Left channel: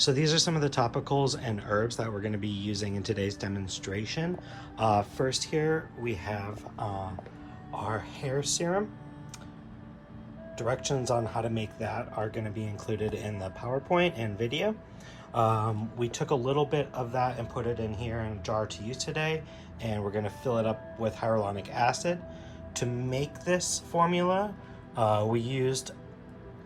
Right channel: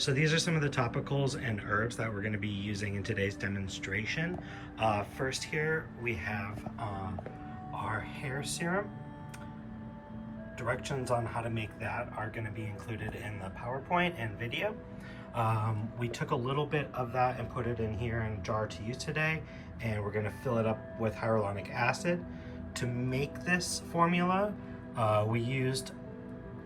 So these are some of the topicals and herbs that we're going to be using in today's demonstration. First here we have our hair serum. Directions on how to make that are going to be included in the PowerPoint and video. We took a little bit of that and put it in here in a jar to use today, and we're going to fill it up with hyaluronic acid. To make this formula, we used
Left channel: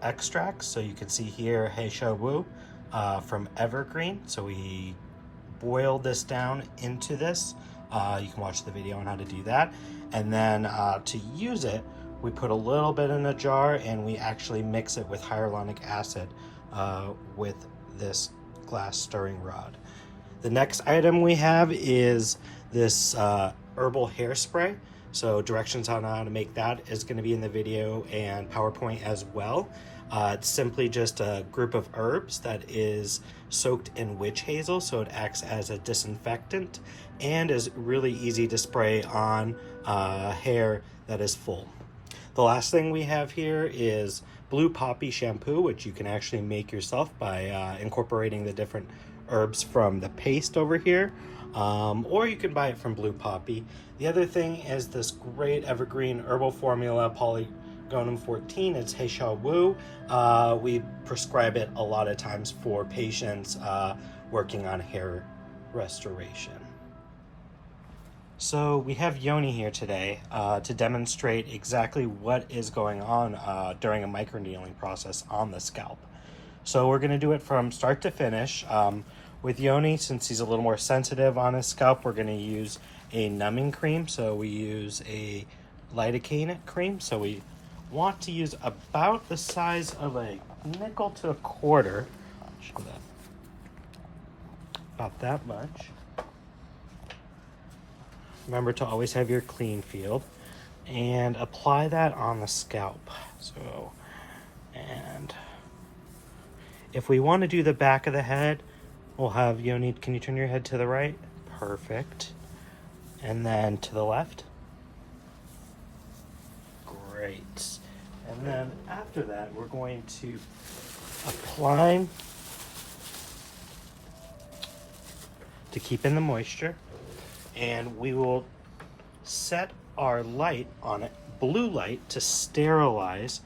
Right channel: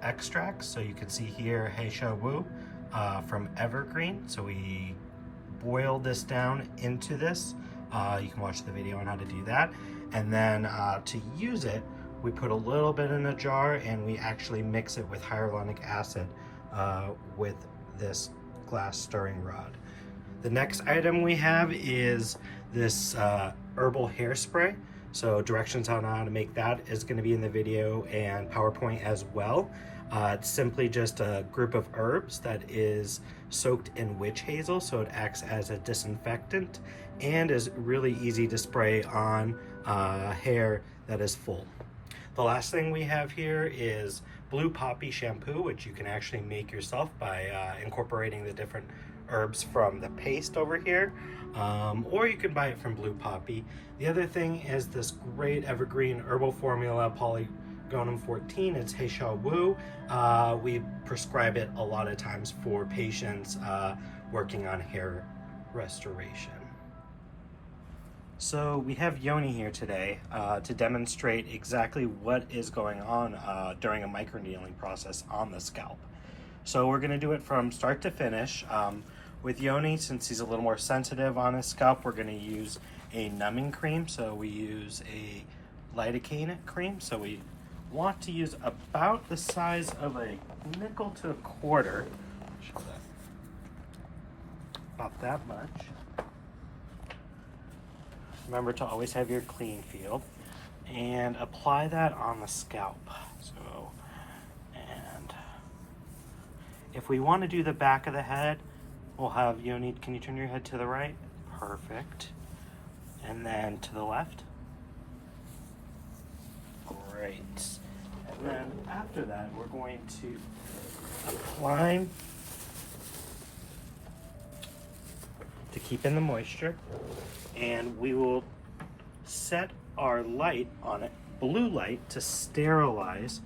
extracts, so you can see here Heisha Wu from Evergreen. So we boiled this down into this. You can watch the video on how to do that. And then to use it, we put a little bit in a jar and we actually mix it with hyaluronic acid with this glass stirring rod. The next item we have is this herbal hairspray. So directions on how to make that is going to be in the video and PowerPoint as well. It's simply just a group of herbs that is soaked in witch hazel, so it acts as a disinfectant and is really easy to spray on hair that is full. The last thing we have here is blue poppy shampoo, which you can actually make yourself by incorporating the different herbs from the paste over here, or you can buy it from Blue Poppy. The other thing is this great evergreen herbal formula, Polygonum 14. It's Heisha Wu. We prescribe it a lot of times for patients working on hair restoration. So we have Yoni here today to demonstrate exactly what is going on during a microneedling process on the scalp. So we're going to do it from start to finish. With Yoni, since he's a little more sensitive on his scalp, we're going to use a numbing cream. So we use a lidocaine cream. So we want to use about the size of a nickel to a quarter. About that much. Remember to always have your clean field and apply that on the scalp. So, and if we want to do the back of the head, we'll have Yoni, can you turn your head to the right? Perfect. And then to the left. Great. And then after that, we're going to apply to keep in the moisture. And we will set our light on it, blue light, to sterilize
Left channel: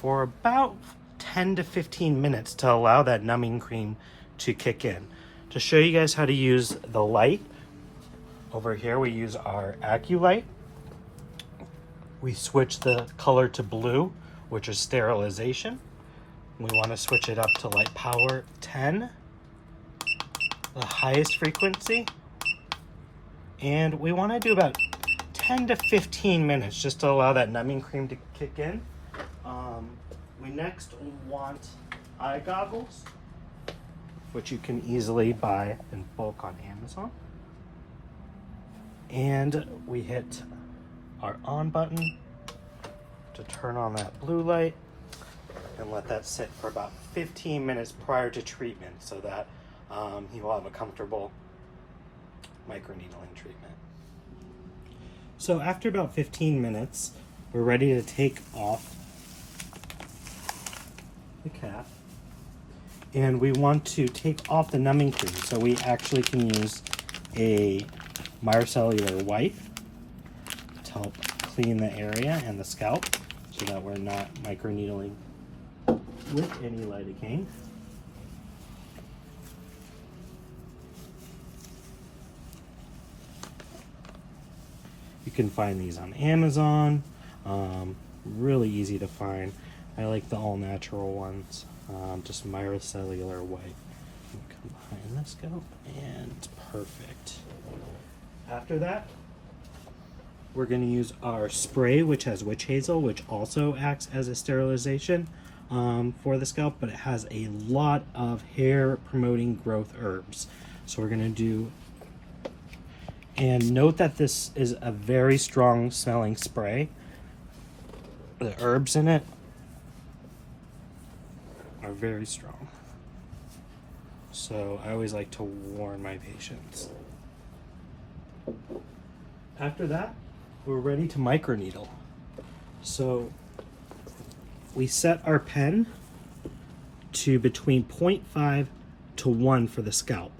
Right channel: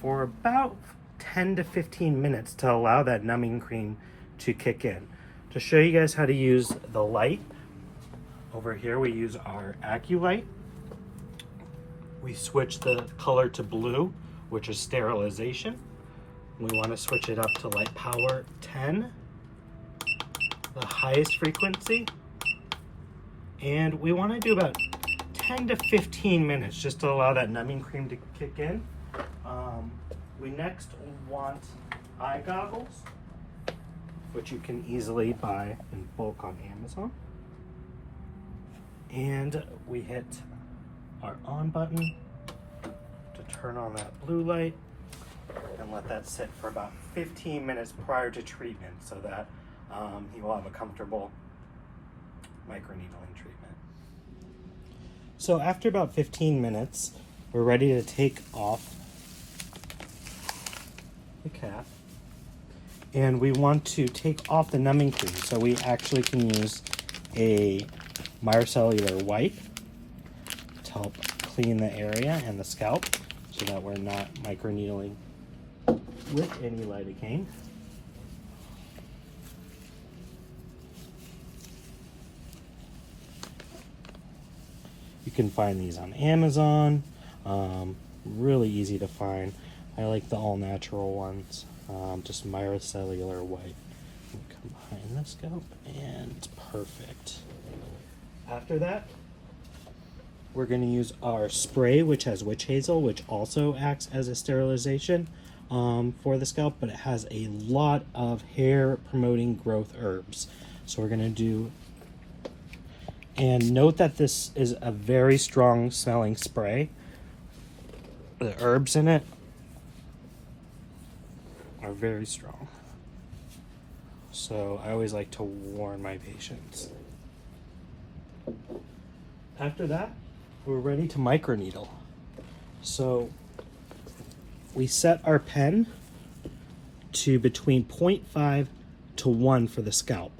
for about 10 to 15 minutes to allow that numbing cream to kick in. To show you guys how to use the light, over here we use our AccuLight. We switch the color to blue, which is sterilization. We want to switch it up to light power 10, the highest frequency. And we want to do about 10 to 15 minutes just to allow that numbing cream to kick in. We next want eye goggles, which you can easily buy in bulk on Amazon. And we hit our on button to turn on that blue light and let that sit for about 15 minutes prior to treatment so that he will have a comfortable microneedling treatment. So after about 15 minutes, we're ready to take off the cap. And we want to take off the numbing cream. So we actually can use a micellar wipe to help clean the area and the scalp so that we're not microneedling with any lidocaine. You can find these on Amazon, really easy to find. I like the all-natural ones, just micellar wipe. Come behind the scalp and it's perfect. After that, we're going to use our spray, which has witch hazel, which also acts as a sterilization for the scalp, but it has a lot of hair promoting growth herbs. So we're going to do, and note that this is a very strong smelling spray. The herbs in it are very strong. So I always like to warn my patients. After that, we're ready to microneedle. So we set our pen to between 0.5 to 1 for the scalp.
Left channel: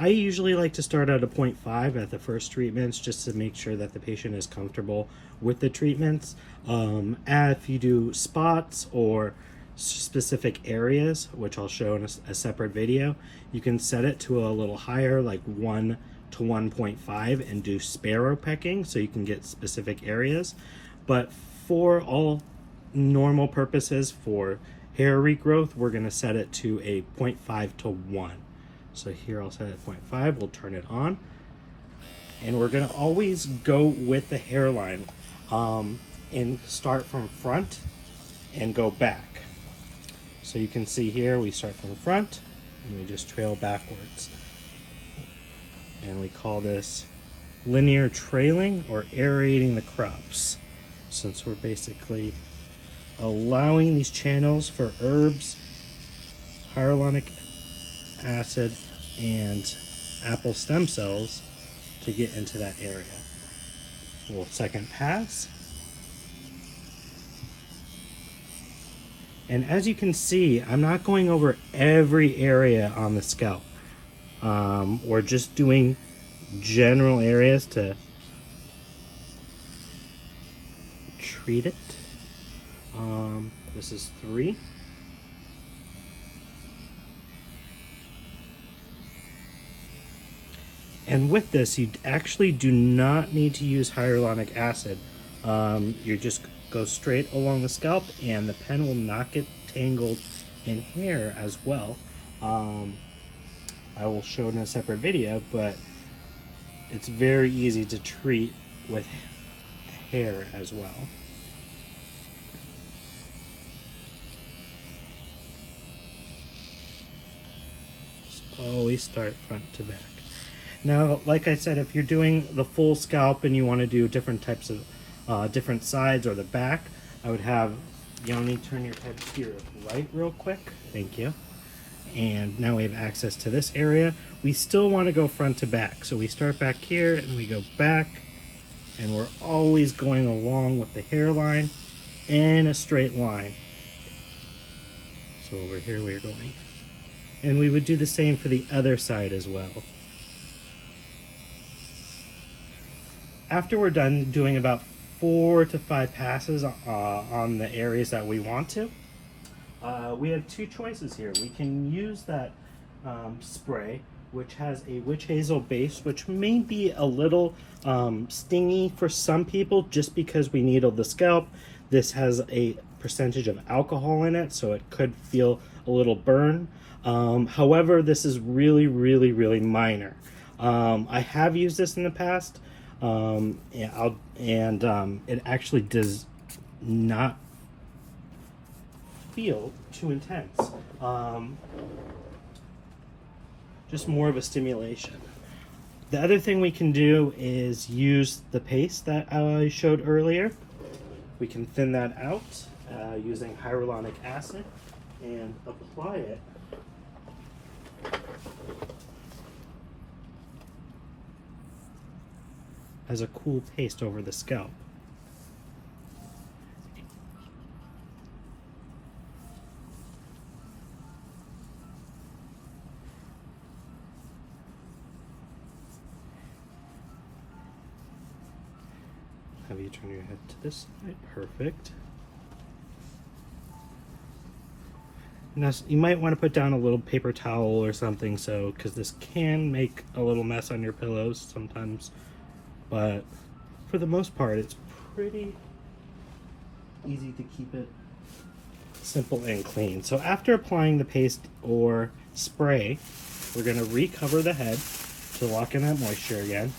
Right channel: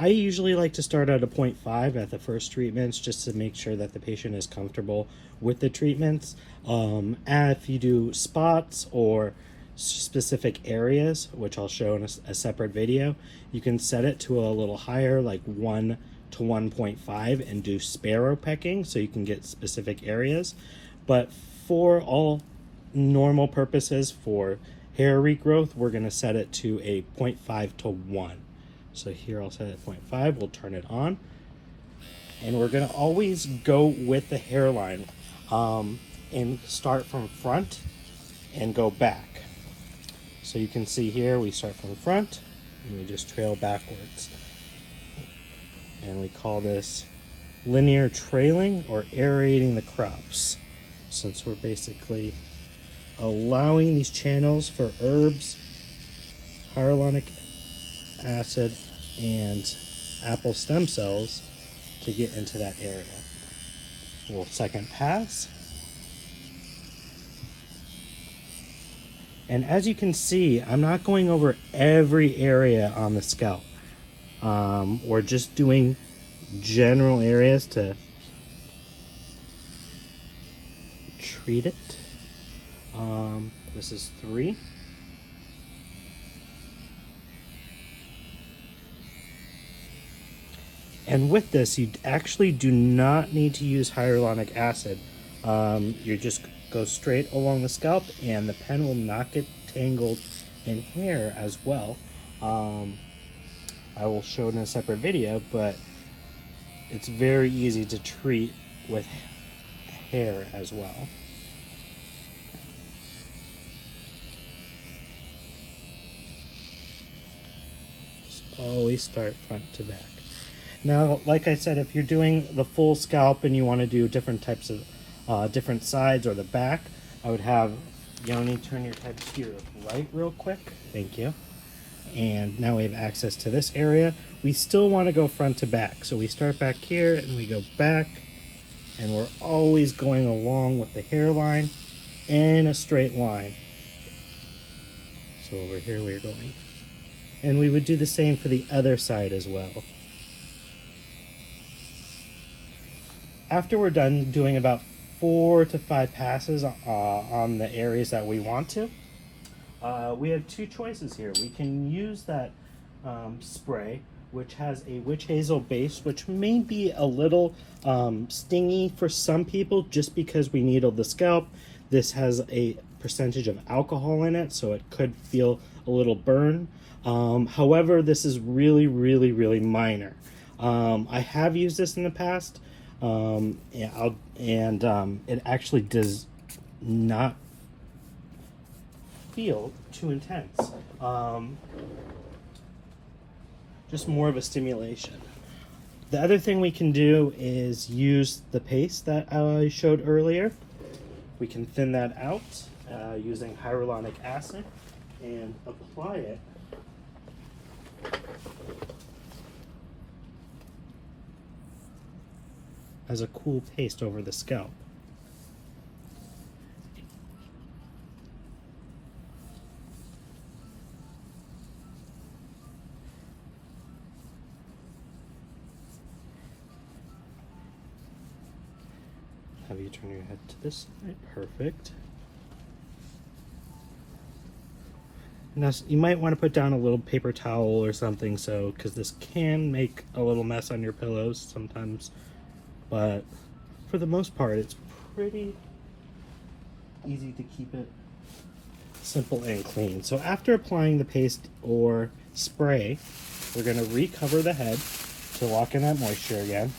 I usually like to start at a 0.5 at the first treatments just to make sure that the patient is comfortable with the treatments. If you do spots or specific areas, which I'll show in a separate video, you can set it to a little higher, like 1 to 1.5, and do sparrow pecking so you can get specific areas. But for all normal purposes, for hair regrowth, we're going to set it to a 0.5 to 1. So here I'll set it at 0.5, we'll turn it on. And we're gonna always go with the hairline and start from front and go back. So you can see here, we start from front and we just trail backwards. And we call this linear trailing or aerating the crops, since we're basically allowing these channels for herbs, hyaluronic acid, and apple stem cells to get into that area. We'll second pass. And as you can see, I'm not going over every area on the scalp. We're just doing general areas to treat it. This is 3. And with this, you actually do not need to use hyaluronic acid. You just go straight along the scalp and the pen will not get tangled in hair as well. I will show it in a separate video, but it's very easy to treat with hair as well. Just always start front to back. Now, like I said, if you're doing the full scalp and you want to do different types of different sides or the back, I would have Yoni turn your head to your right real quick. Thank you. And now we have access to this area. We still want to go front to back. So we start back here and we go back, and we're always going along with the hairline in a straight line. So over here we're going. And we would do the same for the other side as well. After we're done doing about 4 to 5 passes on the areas that we want to, we have 2 choices here. We can use that spray, which has a witch hazel base, which may be a little stingy for some people just because we needle the scalp. This has a percentage of alcohol in it, so it could feel a little burn. However, this is really, really, really minor. I have used this in the past. It actually does not feel too intense. Just more of a stimulation. The other thing we can do is use the paste that I showed earlier. We can thin that out using hyaluronic acid and apply it as a cool paste over the scalp. Have you turn your head to this side? Perfect. Now you might want to put down a little paper towel or something, so because this can make a little mess on your pillows sometimes. But for the most part, it's pretty easy to keep it simple and clean. So after applying the paste or spray, we're going to recover the head to lock in that moisture again.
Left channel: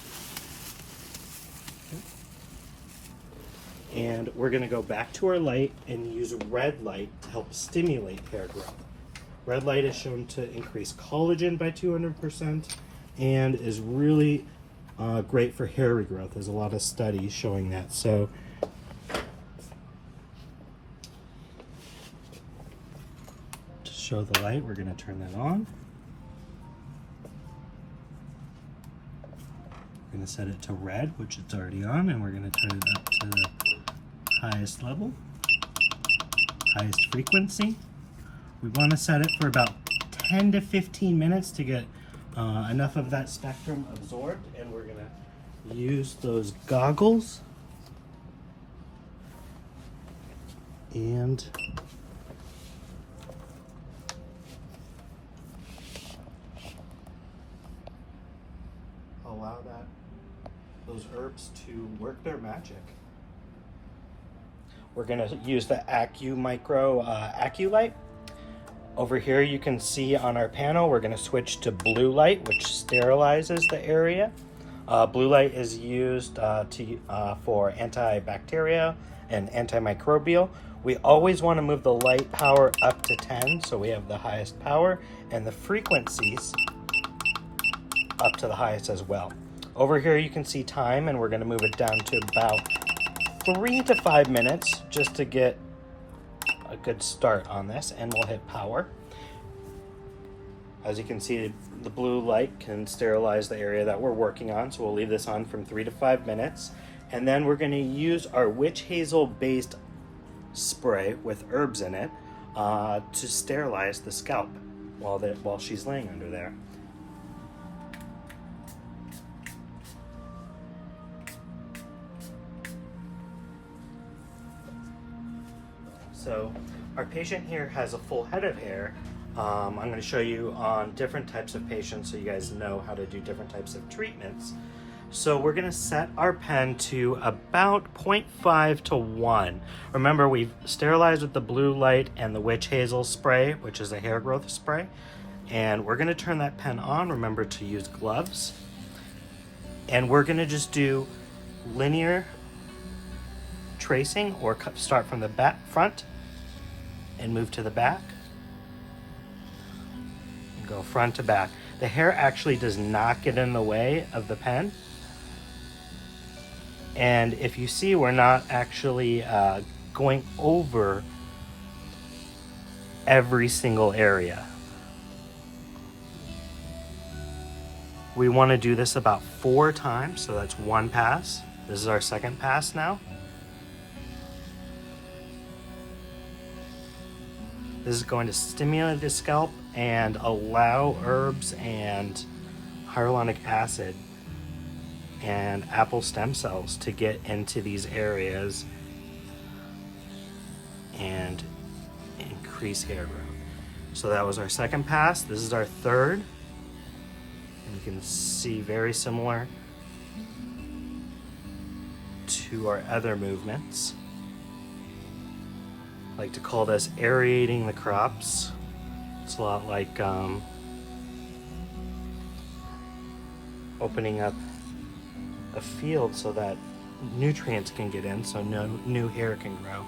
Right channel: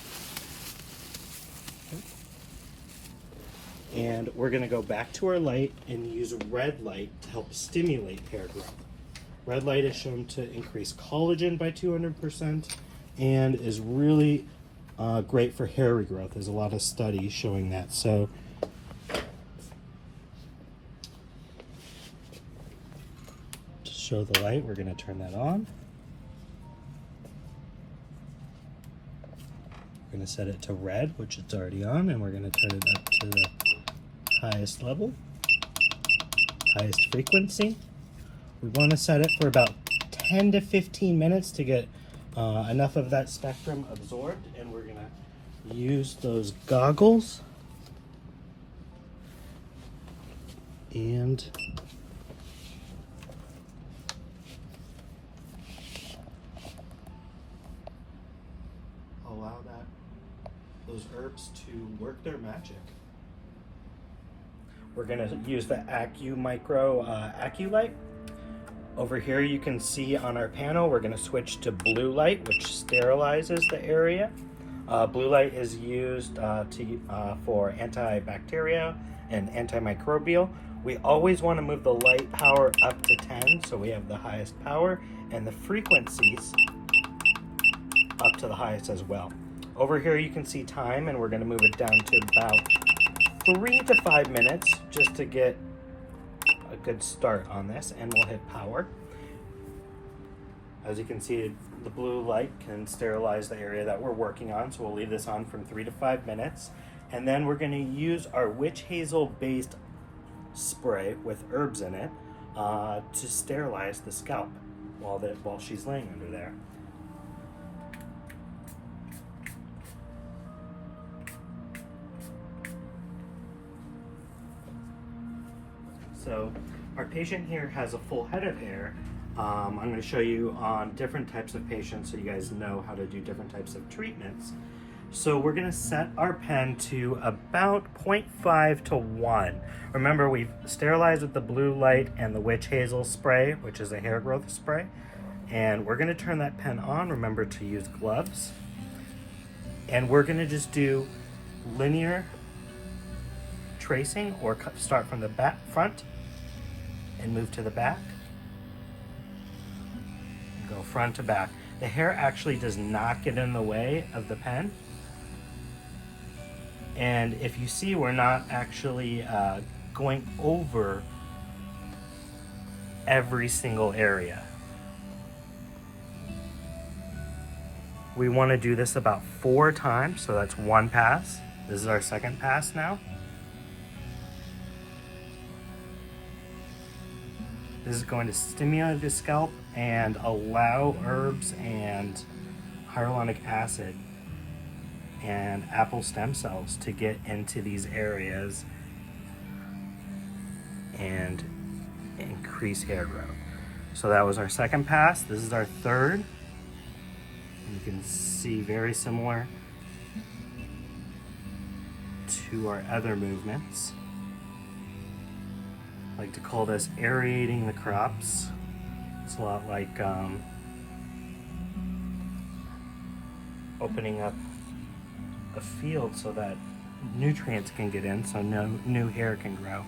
And we're going to go back to our light and use red light to help stimulate hair growth. Red light is shown to increase collagen by 200% and is really great for hair regrowth. There's a lot of studies showing that. So to show the light, we're going to turn that on. We're going to set it to red, which it's already on, and we're going to turn it up to the highest level, highest frequency. We want to set it for about 10 to 15 minutes to get enough of that spectrum absorbed, and we're gonna use those goggles and allow those herbs to work their magic. We're gonna use the Acu light. Over here you can see on our panel, we're gonna switch to blue light, which sterilizes the area. Blue light is used for antibacterial and antimicrobial. We always wanna move the light power up to 10, so we have the highest power, and the frequencies up to the highest as well. Over here you can see time, and we're gonna move it down to about 3 to 5 minutes just to get a good start on this, and we'll hit power. As you can see, the blue light can sterilize the area that we're working on, so we'll leave this on from 3 to 5 minutes. And then we're gonna use our witch hazel based spray with herbs in it to sterilize the scalp while she's laying under there. So our patient here has a full head of hair. I'm going to show you on different types of patients so you guys know how to do different types of treatments. So we're going to set our pen to about 0.5 to 1. Remember, we've sterilized with the blue light and the witch hazel spray, which is a hair growth spray. And we're going to turn that pen on. Remember to use gloves. And we're going to just do linear tracing, or start from the front and move to the back and go front to back. The hair actually does not get in the way of the pen, and if you see, we're not actually going over every single area. We want to do this about 4 times, so that's 1 pass. This is our second pass now. This is going to stimulate the scalp and allow herbs and hyaluronic acid and apple stem cells to get into these areas and increase hair growth. So that was our second pass. This is our third. And you can see very similar to our other movements. I like to call this aerating the crops. It's a lot like opening up a field so that nutrients can get in, so no new hair can grow.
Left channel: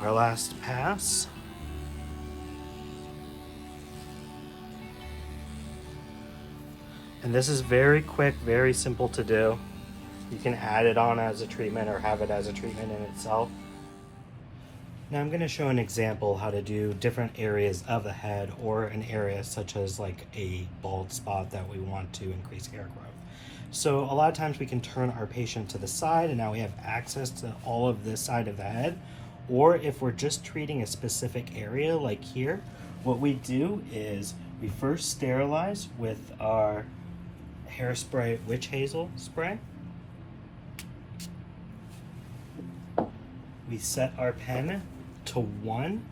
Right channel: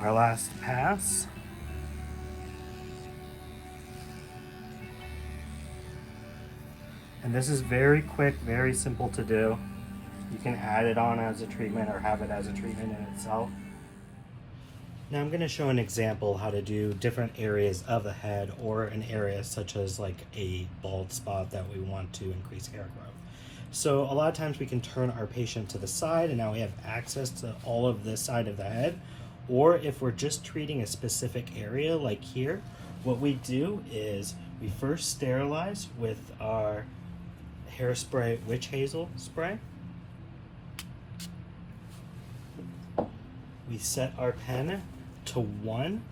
Our last pass. And this is very quick, very simple to do. You can add it on as a treatment or have it as a treatment in itself. Now I'm going to show an example how to do different areas of the head, or an area such as like a bald spot that we want to increase hair growth. So a lot of times we can turn our patient to the side, and now we have access to all of this side of the head. Or if we're just treating a specific area like here, what we do is we first sterilize with our hairspray witch hazel spray. We set our pen to 1.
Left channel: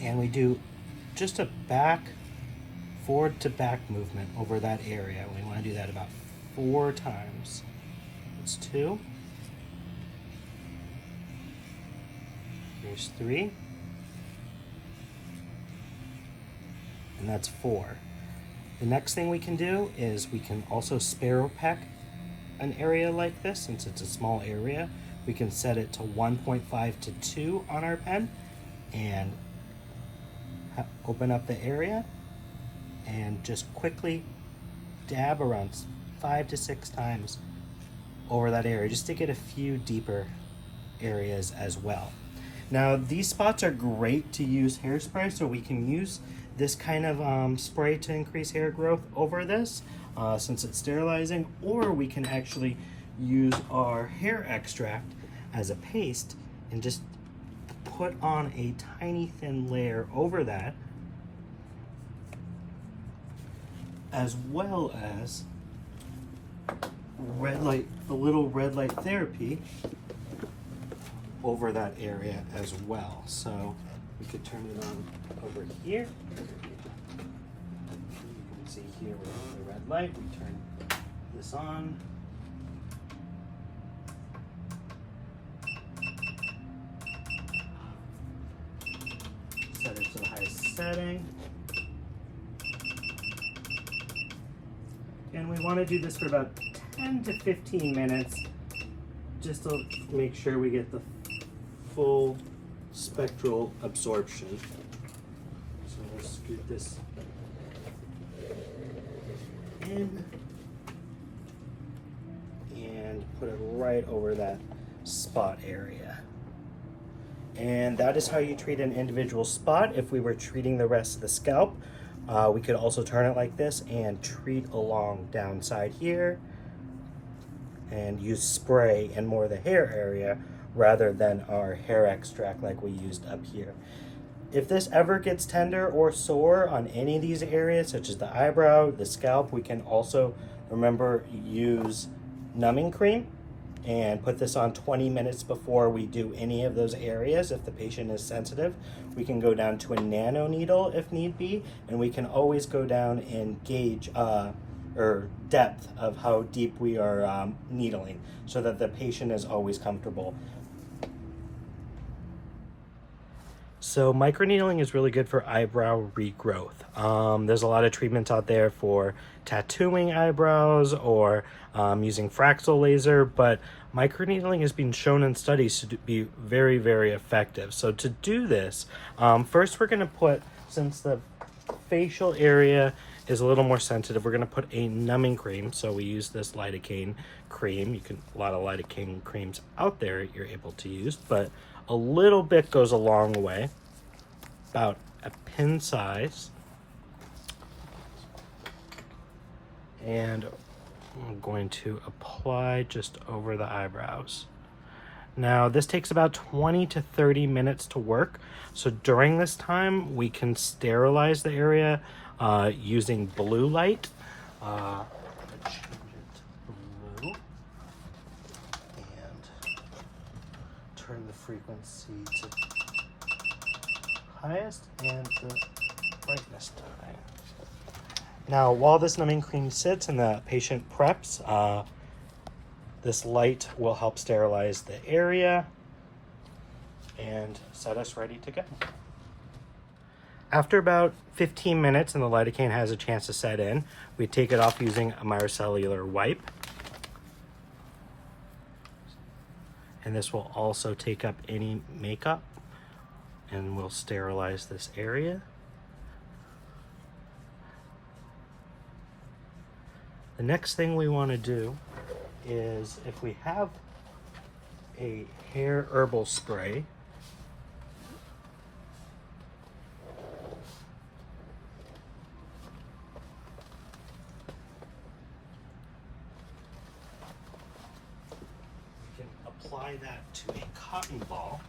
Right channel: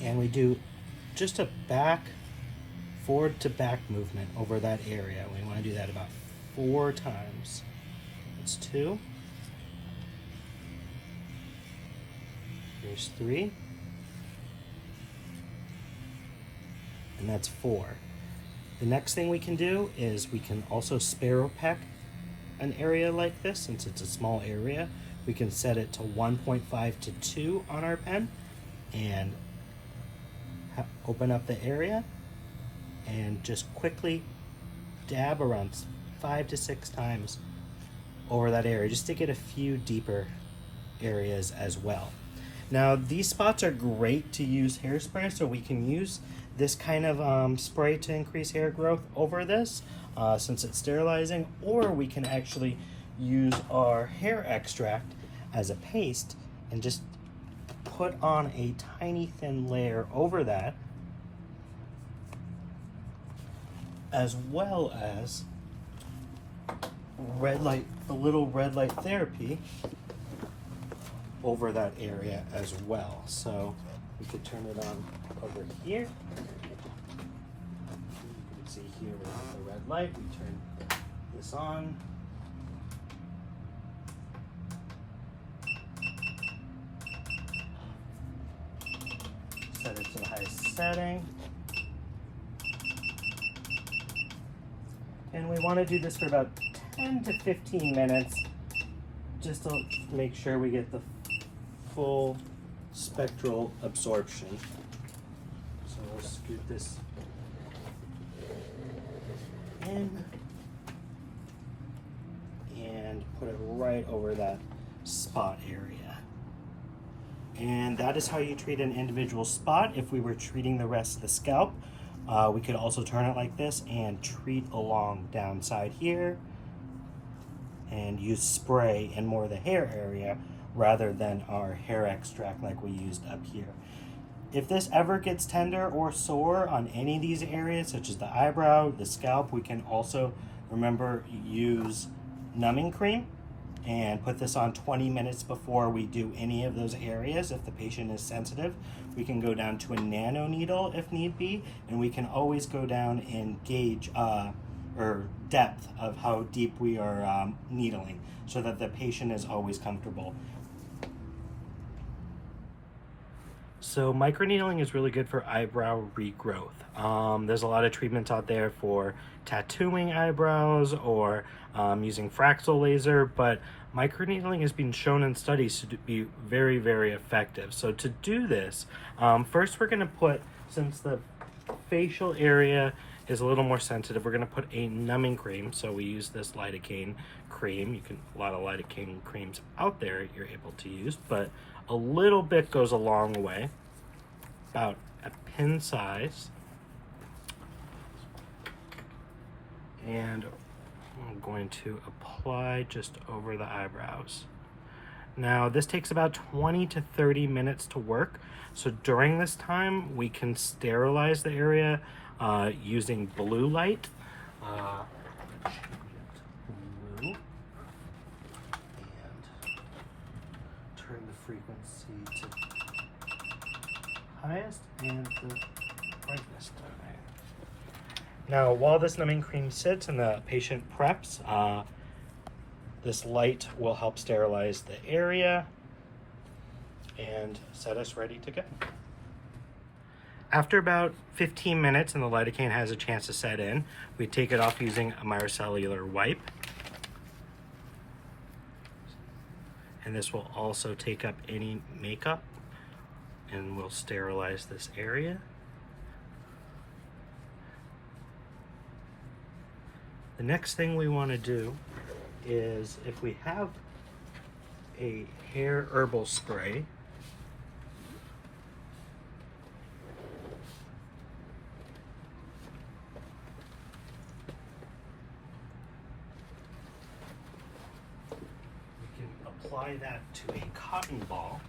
And we do just a forward to back movement over that area. We want to do that about 4 times. That's 2. Here's 3. And that's 4. The next thing we can do is we can also sparrow peck an area like this. Since it's a small area, we can set it to 1.5 to 2 on our pen and open up the area and just quickly dab around 5 to 6 times over that area, just to get a few deeper areas as well. Now these spots are great to use hairspray, so we can use this kind of spray to increase hair growth over this since it's sterilizing, or we can actually use our hair extract as a paste and just put on a tiny thin layer over that, as well as red light, a little red light therapy over that area as well. So we could turn it on over here. You can see here the red light. We turn this on. Set it to the highest setting. And we want to do this for about 10 to 15 minutes, just to make sure we get the full spectral absorption. So we'll scoot this in and put it right over that spot area. And that is how you treat an individual spot. If we were treating the rest of the scalp, we could also turn it like this and treat along downside here and use spray in more of the hair area rather than our hair extract like we used up here. If this ever gets tender or sore on any of these areas, such as the eyebrow, the scalp, we can also, remember, use numbing cream and put this on 20 minutes before we do any of those areas. If the patient is sensitive, we can go down to a nano needle if need be, and we can always go down and gauge or depth of how deep we are needling so that the patient is always comfortable. So microneedling is really good for eyebrow regrowth. There's a lot of treatments out there for tattooing eyebrows or using Fraxel laser, but microneedling has been shown in studies to be very, very effective. So to do this, first we're gonna put, since the facial area is a little more sensitive, we're gonna put a numbing cream. So we use this lidocaine cream. A lot of lidocaine creams out there you're able to use, but a little bit goes a long way, about a pin size. And I'm going to apply just over the eyebrows. Now this takes about 20 to 30 minutes to work. So during this time, we can sterilize the area using blue light. Change it to blue. And turn the frequency to highest and the brightness to high. Now, while this numbing cream sits and the patient preps, this light will help sterilize the area and set us ready to go. After about 15 minutes and the lidocaine has a chance to set in, we take it off using a micellar wipe. And this will also take up any makeup and we'll sterilize this area. The next thing we want to do is, if we have a hair herbal spray, we can apply that to a cotton ball.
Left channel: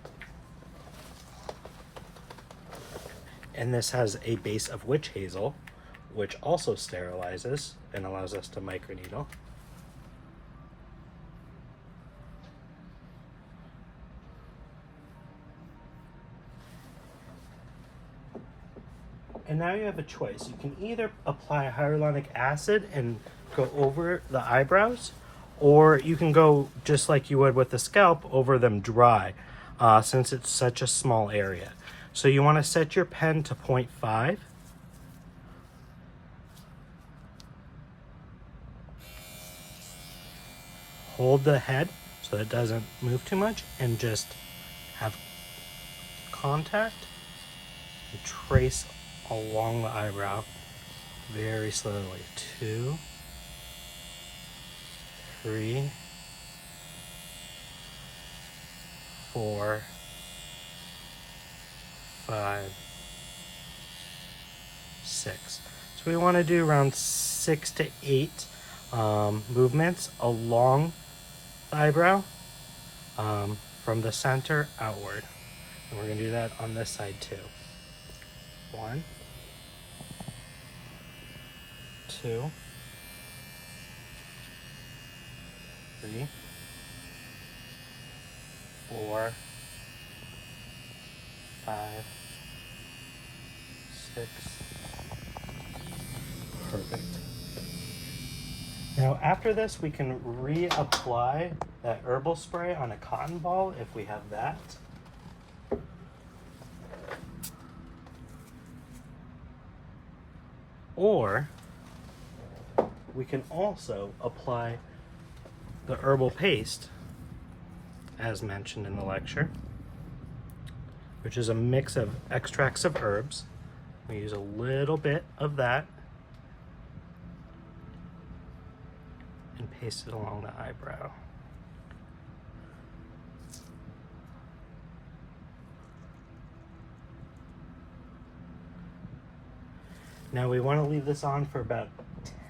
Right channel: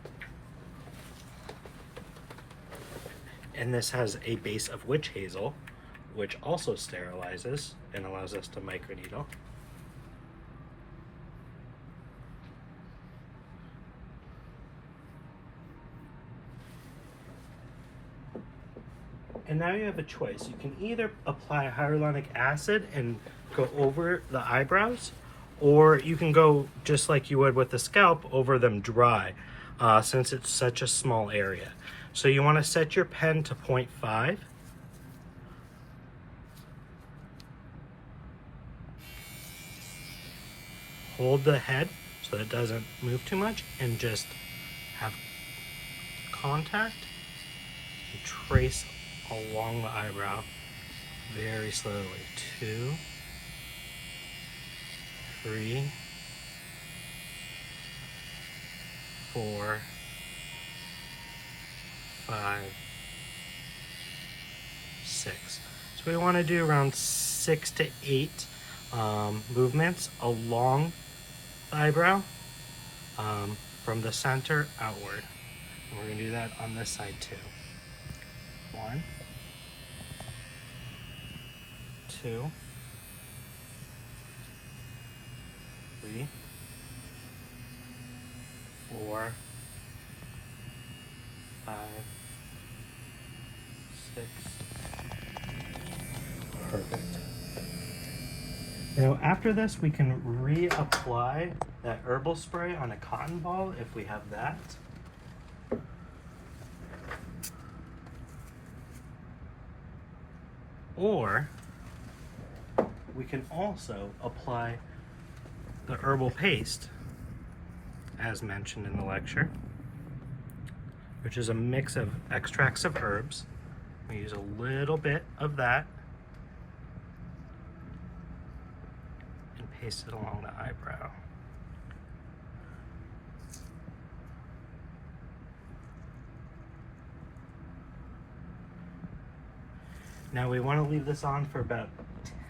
And this has a base of witch hazel, which also sterilizes and allows us to microneedle. And now you have a choice. You can either apply hyaluronic acid and go over the eyebrows, or you can go just like you would with the scalp, over them dry, since it's such a small area. So you want to set your pen to 0.5. Hold the head so it doesn't move too much, and just have contact and trace along the eyebrow very slowly. 2, 3, 4, 5, 6. So we want to do around 6 to 8 movements along eyebrow from the center outward. And we're going to do that on this side too. 1, 2, 3, 4, 5, 6. Perfect. Now after this, we can reapply that herbal spray on a cotton ball if we have that. Or we can also apply the herbal paste, as mentioned in the lecture, which is a mix of extracts of herbs. We use a little bit of that and paste it along the eyebrow. Now we want to leave this on for about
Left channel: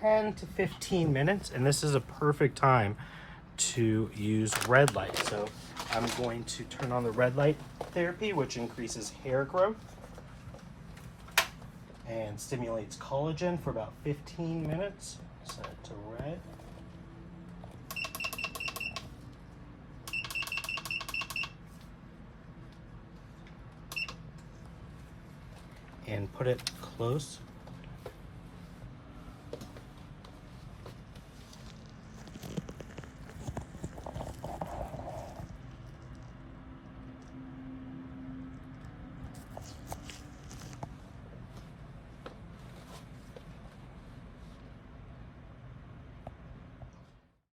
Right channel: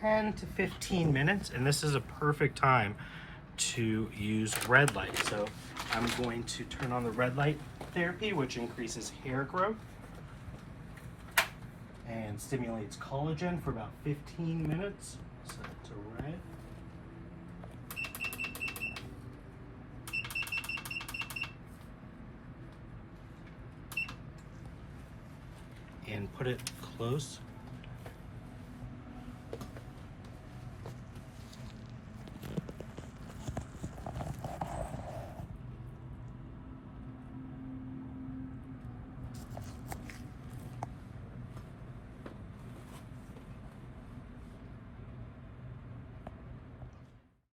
10 to 15 minutes, and this is a perfect time to use red light. So I'm going to turn on the red light therapy, which increases hair growth and stimulates collagen for about 15 minutes. Set it to red. And put it close